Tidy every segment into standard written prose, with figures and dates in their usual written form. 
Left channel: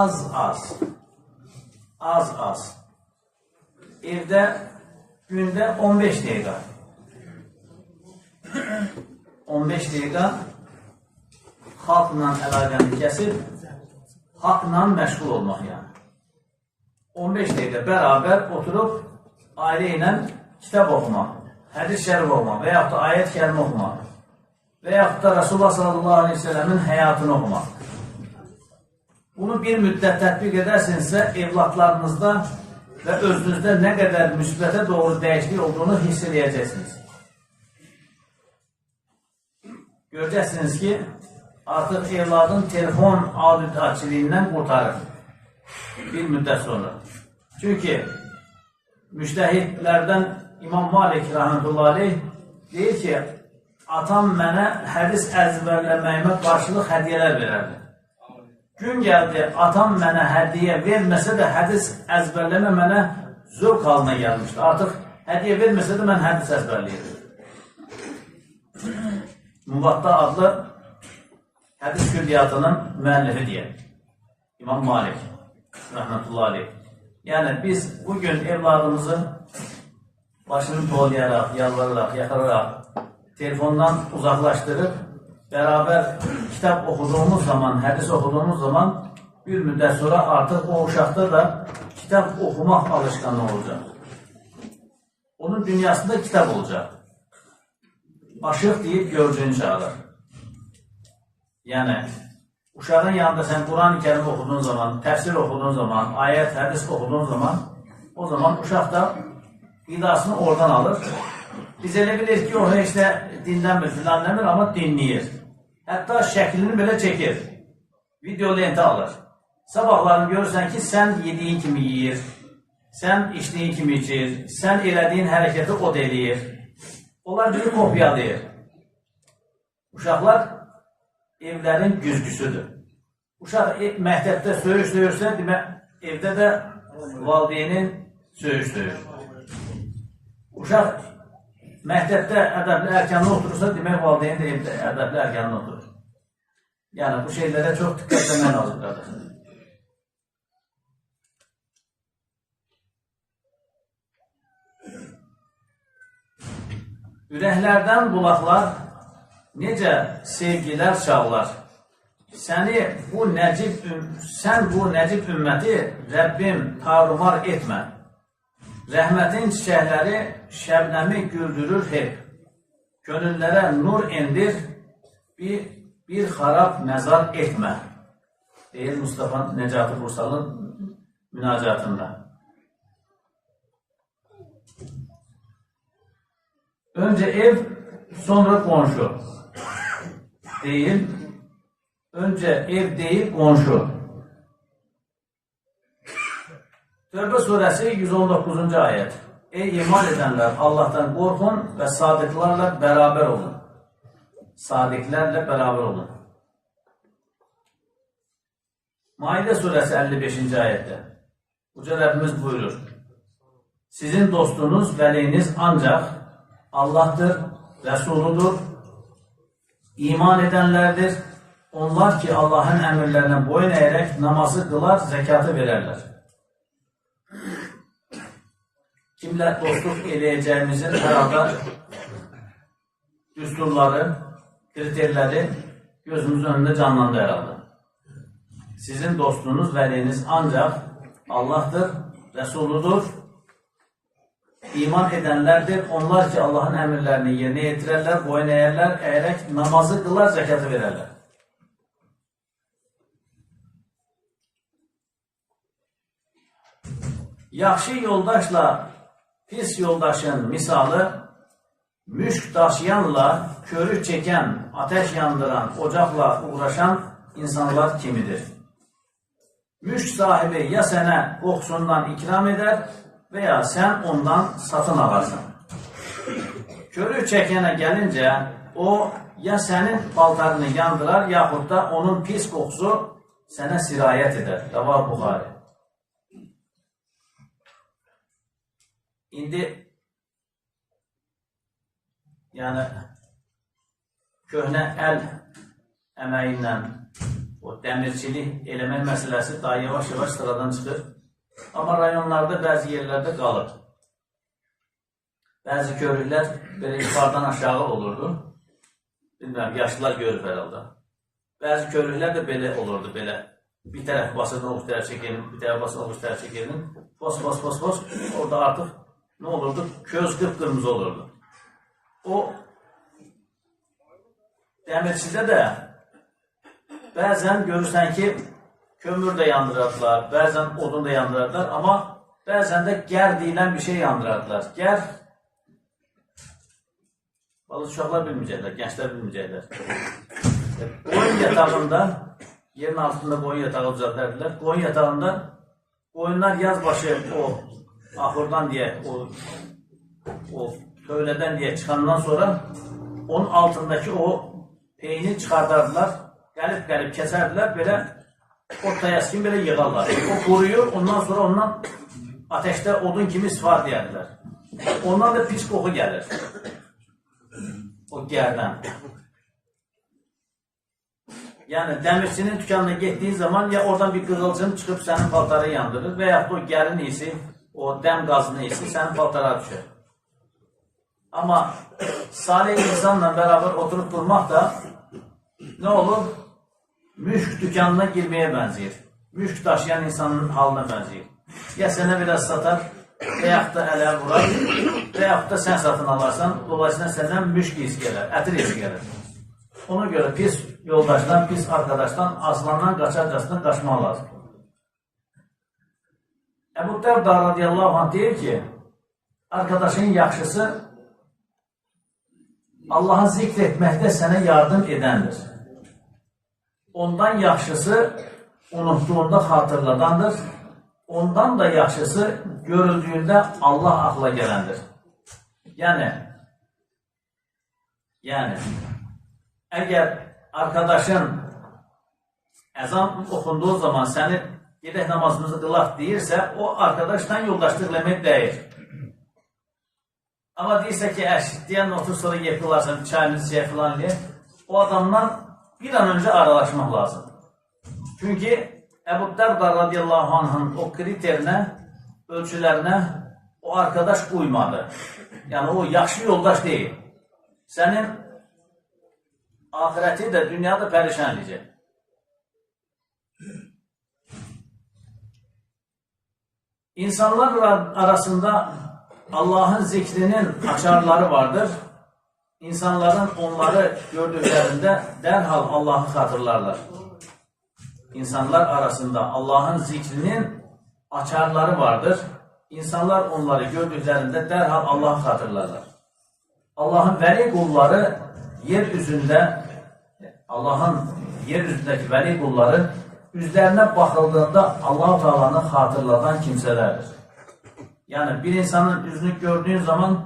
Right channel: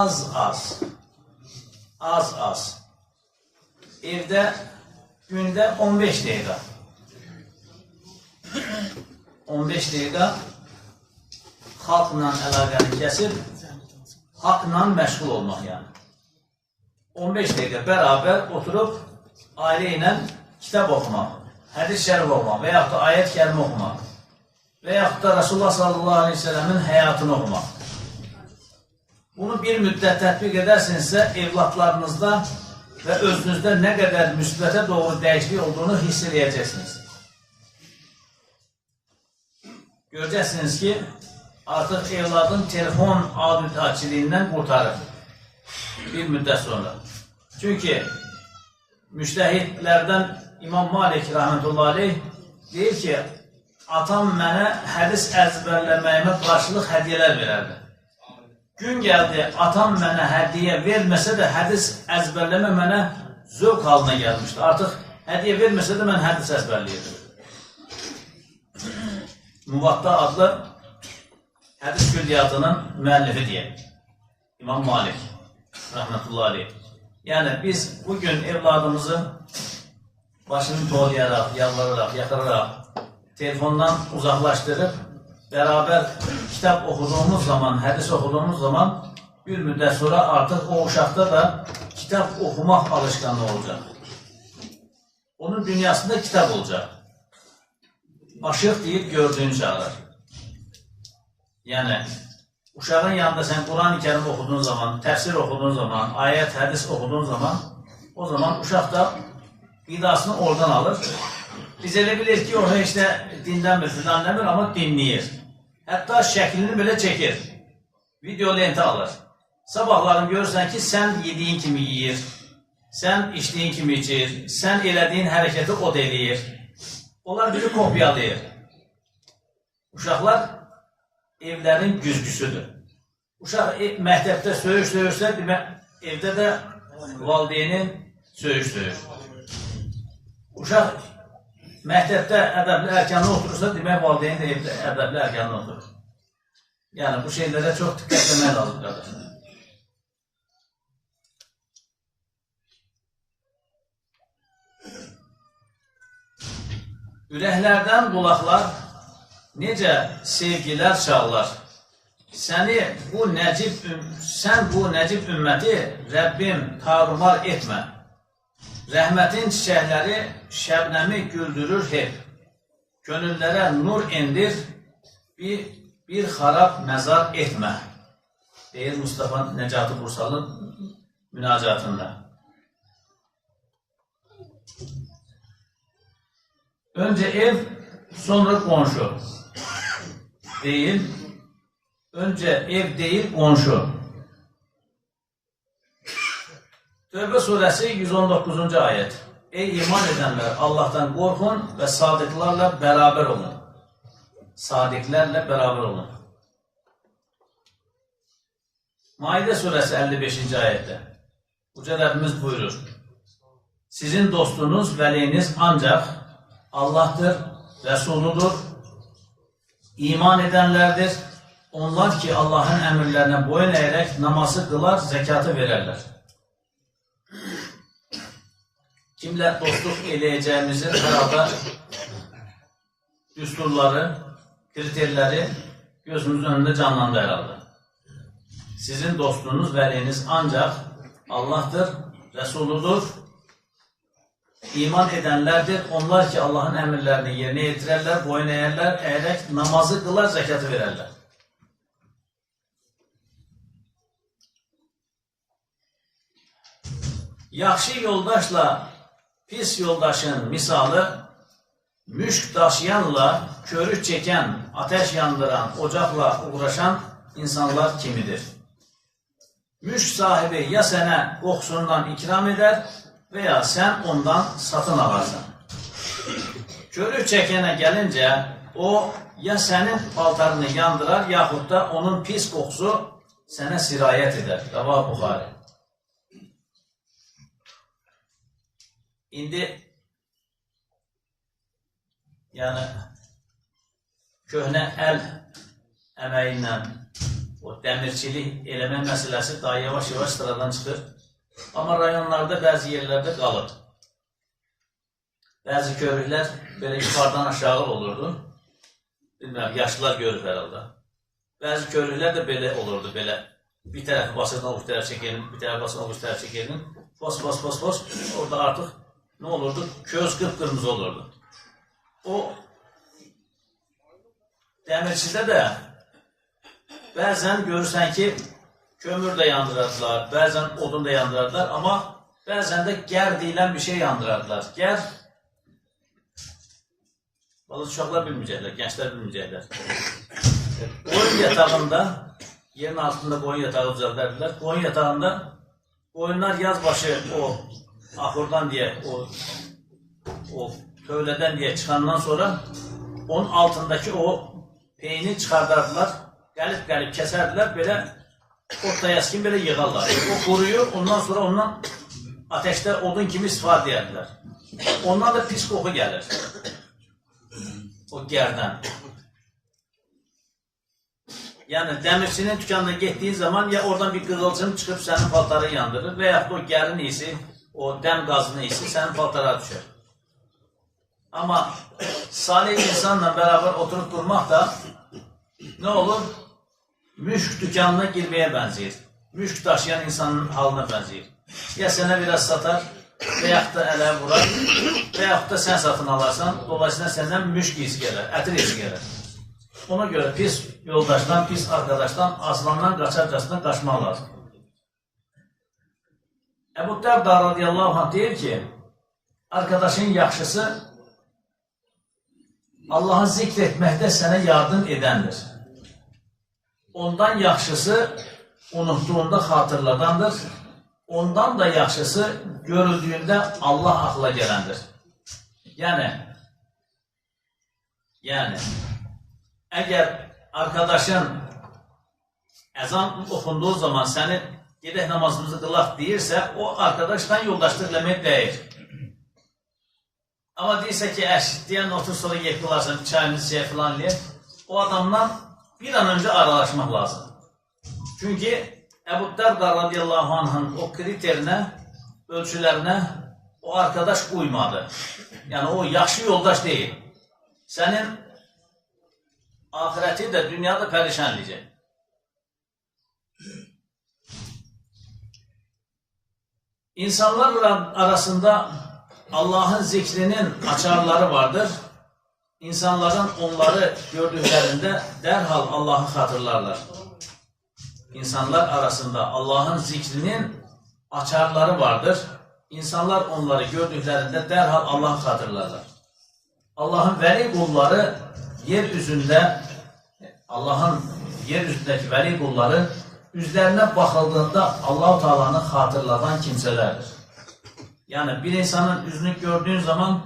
Az. Evdə gündə 15 dəqiqə. 15 dəqiqə xalqla əlaqəni kəsib, haqla məşğul olmaq yəni. 15 dəqiqə bərabər oturub ailə ilə kitab oxumaq, hədis şərif oxumaq və yaxud da ayət kəlmə oxumaq və yaxud da Rasulullah sallallahu aleyhi ve sellemin həyatını oxumaq. Bunu bir müddət tətbiq edərsinizsə, evlatlarınızda və özünüzdə nə qədər müsbətə doğru dəyişiklik olduğunu hiss edəcəksiniz. Görəcəksiniz ki, artıq evladın telefon adətçiliyindən qurtarır bir müddət sonra. Çünki müştəhidlərdən İmam Malik rahmetullahi aleyh deyir ki, atam mənə hədis əzbərləməyimə qarşılıq hədiyyələr verərdi. Gün gəldi, atam mənə hədiyyə verməsə də hədis əzbərləmə mənə zövq halına gəlmişdi. Artıq hədiyyə verməsə də mən hədis əzbərləyirdim. Muvatta adlı hədis külliyatının müəllifi deyək. İmam Malik rahmetullahi aleyh. Yəni biz bugün evladımızı başını tolayaraq, yalvararaq, yaxararaq, telefondan uzaqlaşdırıb, bərabər kitab oxuduğumuz zaman, hədis oxuduğumuz zaman bir müddət sonra artıq o uşaqda da kitab oxumaq alışqanlığı olacaq. Onun dünyasında kitab olacaq. Aşıq deyib gördüyünü çağırır. Yəni, uşağın yanında sən Quran-ı Kərim oxuduğun zaman, təfsir oxuduğun zaman, ayət, hədis oxuduğun zaman, o zaman uşaq da qidasını oradan alır. Biz elə bilir ki, o heç də dindən filan demir, amma dinləyir. Hətta şəklini belə çəkir. Video lenti alır. Sabahlarını görürsən ki, sən yediyin kimi yiyir, sən içdiyin kimi içir, sən elədiyin hərəkəti o da eləyir. Onlar bizi kopyalayır. Uşaqlar evlərin güzgüsüdür. Uşaq məktəbdə söyürsə, evdə də valideynin söyür. Uşaq məktəbdə ədəbli ərkanına oturursa, demək valideyn də evdə ədəbli ərkanına oturur. Yəni, bu şeylərə çox diqqət etmək lazım, qardaşlar. Ürəklərdən qulaqlar, necə sevgilər çağlar. Sən bu nəcib ümməti Rəbbim tarumar etmə. Rəhmətin çiçəkləri şəbnəmi güldürür hep. Gönüllərə nur endir, bir xarab məzar etmə. Deyir Mustafa Nəcati Bursalın münacatında. Öncə ev, sonra qonşu. Deyil, öncə ev deyil, qonşu. Tövbə surəsi 119-cu ayət. Ey iman edənlər, Allahdan qorxun və sadiqlərlə bərabər olun. Sadiqlərlə bərabər olun. Maidə surəsi 55-ci ayətdə. Uca Rəbbimiz buyurur. Sizin dostunuz, vəliyiniz ancaq Allahdır, Rəsuludur, iman edənlərdir. Onlar ki, Allahın əmrlərinə boyun əyərək namazı qılar, zəkatı verərlər. Kimlə dostluq eləyəcəyimizin hər halda düsturları, kriterləri gözümüzün önündə canlandı hər halda. Sizin dostunuz, vəliyiniz ancaq Allahdır, Rəsuludur, iman edənlərdir. Onlar ki, Allahın əmrlərini yerinə yetirərlər, boyun əyərək namazı qılar, zəkatı verərlər. Yaxşı yoldaşla pis yoldaşın misalı, müşk daşıyanla körük çəkən, ateş yandıran, ocaqla uğraşan insanlar kimidir? Müşk sahibi ya sənə qoxusundan ikram edər və ya sən ondan satın alarsan. Körük çəkənə gəlincə, o ya sənin paltarını yandırar, yaxud da onun pis qoxusu sənə sirayət edər. Rəvah Buxari. İndi yəni köhnə əl əməyi ilə o dəmirçilik eləmək məsələsi daha yavaş-yavaş sıradan çıxır. Amma rayonlarda bəzi yerlərdə qalır. Bəzi körüklər belə yuxarıdan aşağı olurdu. Bilməm, yaşlılar görür herhalde. Bəzi körüklər də belə olurdu, belə. Bir tərəf basırdan o tərəf çəkənin, bir tərəf basırdan o tərəf çəkənin. Fos. Orada artıq nə olurdu? Köz qıpqırmızı olurdu. O dəmirçidə də bəzən görürsən ki, kömür də yandırardılar, bəzən odun da yandırardılar, amma bəzən də gər deyilən bir şey yandırardılar. Gər, uşaqlar bilməyəcəklər, gənclər bilməyəcəklər. Qoyun yatağında, yerin altında qoyun yatağı düzəldərdilər. Qoyun yatağında qoyunlar yazbaşı o axurdan deyə, o tövlədən deyə çıxandan sonra onun altındakı o peyni çıxardardılar, qəlib kəsərdilər, belə orta yaskin belə yığarlar. O quruyur, ondan sonra ondan ateşdə odun kimi istifadə edilər. Ondan da pis qoxu gəlir. O gərdən. Yəni, dəmirçinin dükanına getdiyi zaman ya oradan bir qığılcım çıxıb sənin paltarı yandırır və yaxud o gərin iyisi, o dəm qazının iyisi sənin paltara düşər. Amma salih insanla beraber oturup durmaq da nə olur? Müşk dükanına girməyə bənzəyir. Müşk daşıyan insanın halına bənzəyir. Ya sənə biraz satar və yaxud da ələ vurar və yaxud da sən satın alarsan, dolayısıyla səndən müşk iyisi gələr, ətir iyisi gələr. Ona görə pis yoldaşdan, pis arkadaşdan, aslandan qaçarcasından qaçmaq lazım. Əbu Dərda radiyallahu anh deyir ki, arkadaşın yaxşısı Allah'ı zikr etməkdə sənə yardım edəndir. Ondan yaxşısı unuttuğunda xatırladandır. Ondan da yaxşısı görüldüğündə Allah axla gələndir. Yəni, əgər arkadaşın əzan oxunduğu zaman səni gedək namazımızı qılaq deyirsə, o arkadaşdan yoldaşlıq eləmək deyir. Amma deyirsə ki, deyən otur sonra yeyib qılarsan, çayımızı çayı filan eləyir, o adamdan bir an önce aralaşmaq lazım. Çünki Əbu Dərda radiyallahu anh'ın o kriterinə, ölçülərinə o arkadaş uymadı. Yəni o yaxşı yoldaş deyil. Sənin ahirəti də, dünyada pərişan edəcək. İnsanlar arasında Allah'ın zikrinin açarları vardır. İnsanların onları gördüklerinde derhal Allah'ı hatırlarlar. İnsanlar arasında Allah'ın zikrinin açarları vardır. İnsanlar onları gördüklerinde derhal Allah'ı hatırlarlar. Allah'ın veli kulları yeryüzünde, Allah'ın yeryüzündeki veli kulları üzlerine bakıldığında Allah-u Teala'nı hatırladan kimselerdir. Yani bir insanın yüzünü gördüğün zaman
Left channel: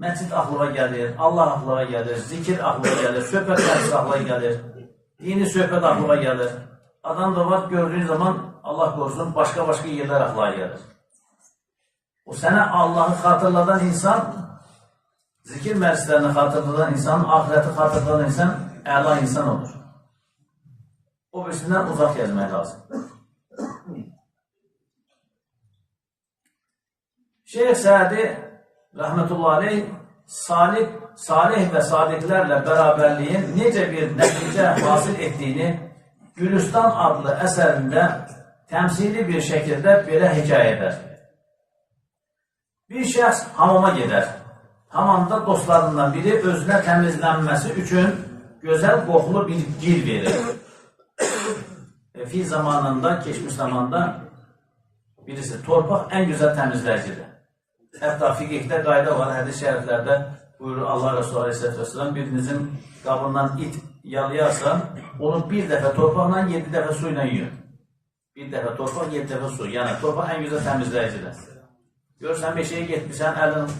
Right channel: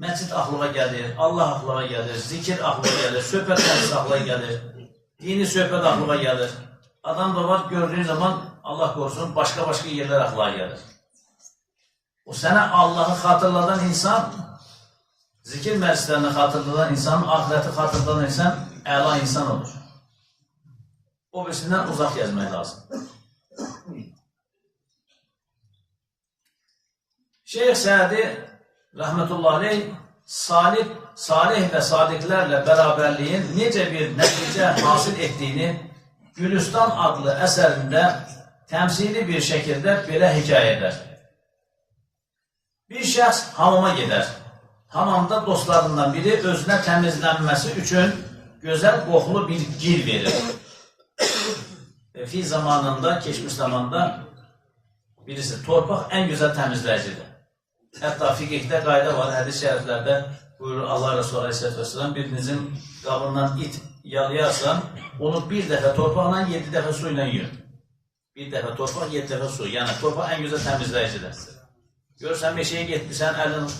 məscid aklına gelir, Allah aklına gelir, zikir aklına gelir, söhbət məclisi aklına gelir, dini söhbət aklına gelir. Adam da var, gördüğün zaman Allah korusun başka yerler aklına gelir. O sana Allah'ı hatırladan insan, zikir meclislerini hatırladan insan, ahireti hatırladan insan, əla insan olur. O birisinden uzak gezmək lazım. Şeyh Sədi rahmetullahi aleyh salih ve sadiklerle beraberliğin necə bir nəticə hasil ettiğini Gülüstan adlı eserinde temsili bir şekilde belə hikaye eder. Bir şəxs hamama gider. Hamamda dostlarından biri özünə təmizlənməsi üçün gözəl qoxulu bir gil verir. Fi zamanında, geçmiş zamanda birisi torpaq en güzel təmizləyicidir. Hətta fiqhdə qayda var, hədis şəriflərdə buyurur Allah Resulü Aleyhisselatü Vesselam, birinizin qabından it yalayarsa, onu bir dəfə torpaqla 7 dəfə su ilə yiyin. Bir dəfə torpaq, 7 dəfə su. Yəni torpaq en güzel təmizləyicidir. Görürsən, meşəyə getmişsən, əlin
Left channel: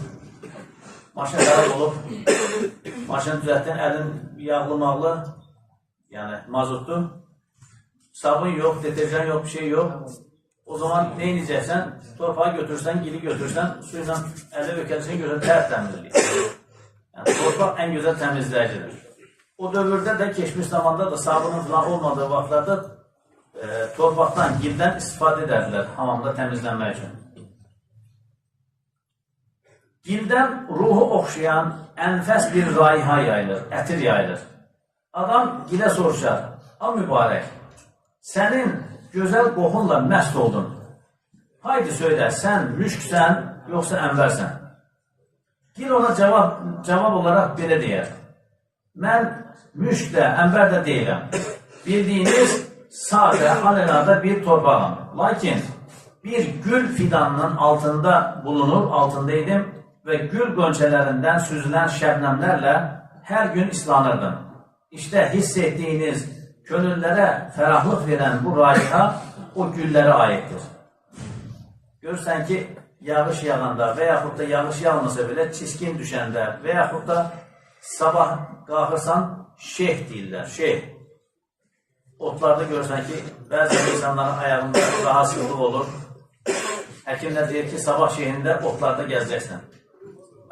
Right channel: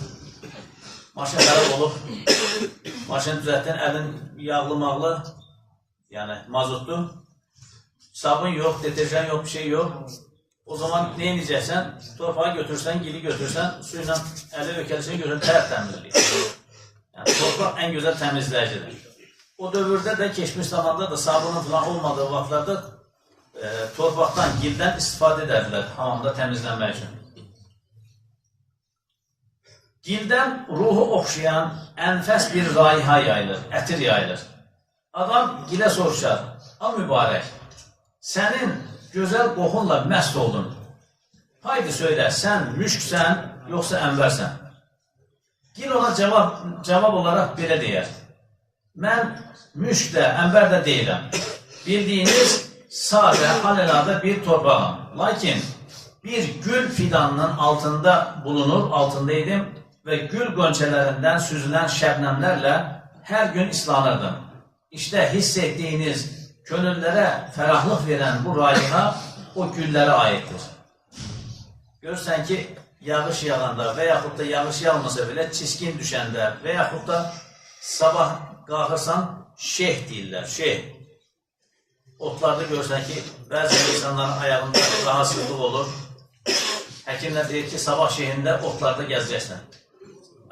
maşın xarab olub, maşın düzəltdin, əlin yağlı-mağlı, yəni mazutlu, sabun yox, deterjan yox, bir şey yox. O zaman ne edeceksen, torpağı götürsen, gili götürsen, suyla ələ ökəlişini görürsən, tərəf təmizliyi. Yəni torpaq en güzel təmizləyicidir. O dövrdə də, keçmiş zamanda da sabunun falan olmadığı vaxtlarda torpaqdan, gildən istifadə edərdilər hamamda təmizlənmək üçün. Gildən ruhu oxşayan ənfəs bir raiha yayılır, ətir yayılır. Adam gilə soruşar, a mübarək, sənin gözəl qoxunla məst oldun. Haydi söylə, sən müşksən, yoxsa ənbərsən? Gil ona cavab olaraq belə deyər. Mən müşk də, ənbər də deyiləm. Bildiyiniz sadə, alelada bir torpağım. Lakin bir gül fidanının altında bulunur, altındaydım və gül qönçələrindən süzülən şəbnəmlərlə hər gün islanırdım. İşte hiss etdiyiniz, könüllərə fərahlıq verən bu raiha o güllərə aiddir. Görürsən ki, yağış yağanda və yaxud da yağış yağmasa belə çiskin düşəndə və yaxud da sabah qalxırsan şeyh deyirlər, şeyh. Otlarda görürsən ki, bəzi insanların ayağında rahatsızlıq olur. Həkimlər deyir ki, sabah şeyhində otlarda gəzəcəksən.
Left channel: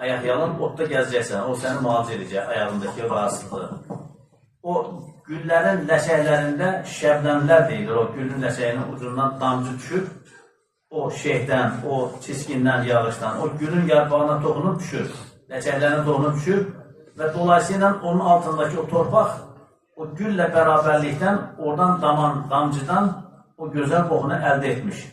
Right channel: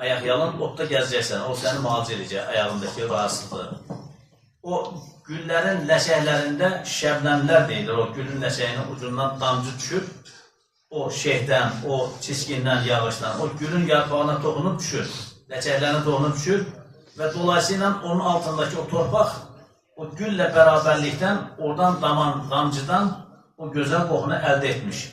Ayaq yalın, otda gəzəcəksən. O səni müalicə edəcək, ayağındakı rahatsızlığı. O güllərin ləşəklərində şəbnəmlər deyilir. O gülün ləşəyinin ucundan damcı düşür. O şeyhdən, o çiskindən, yağışdan, o gülün yarpağına toxunub düşür. Ləçəklərinə toxunub düşür və dolayısıyla onun altındakı o torpaq o güllə bərabərlikdən oradan damcıdan o gözəl qoxunu əldə etmiş.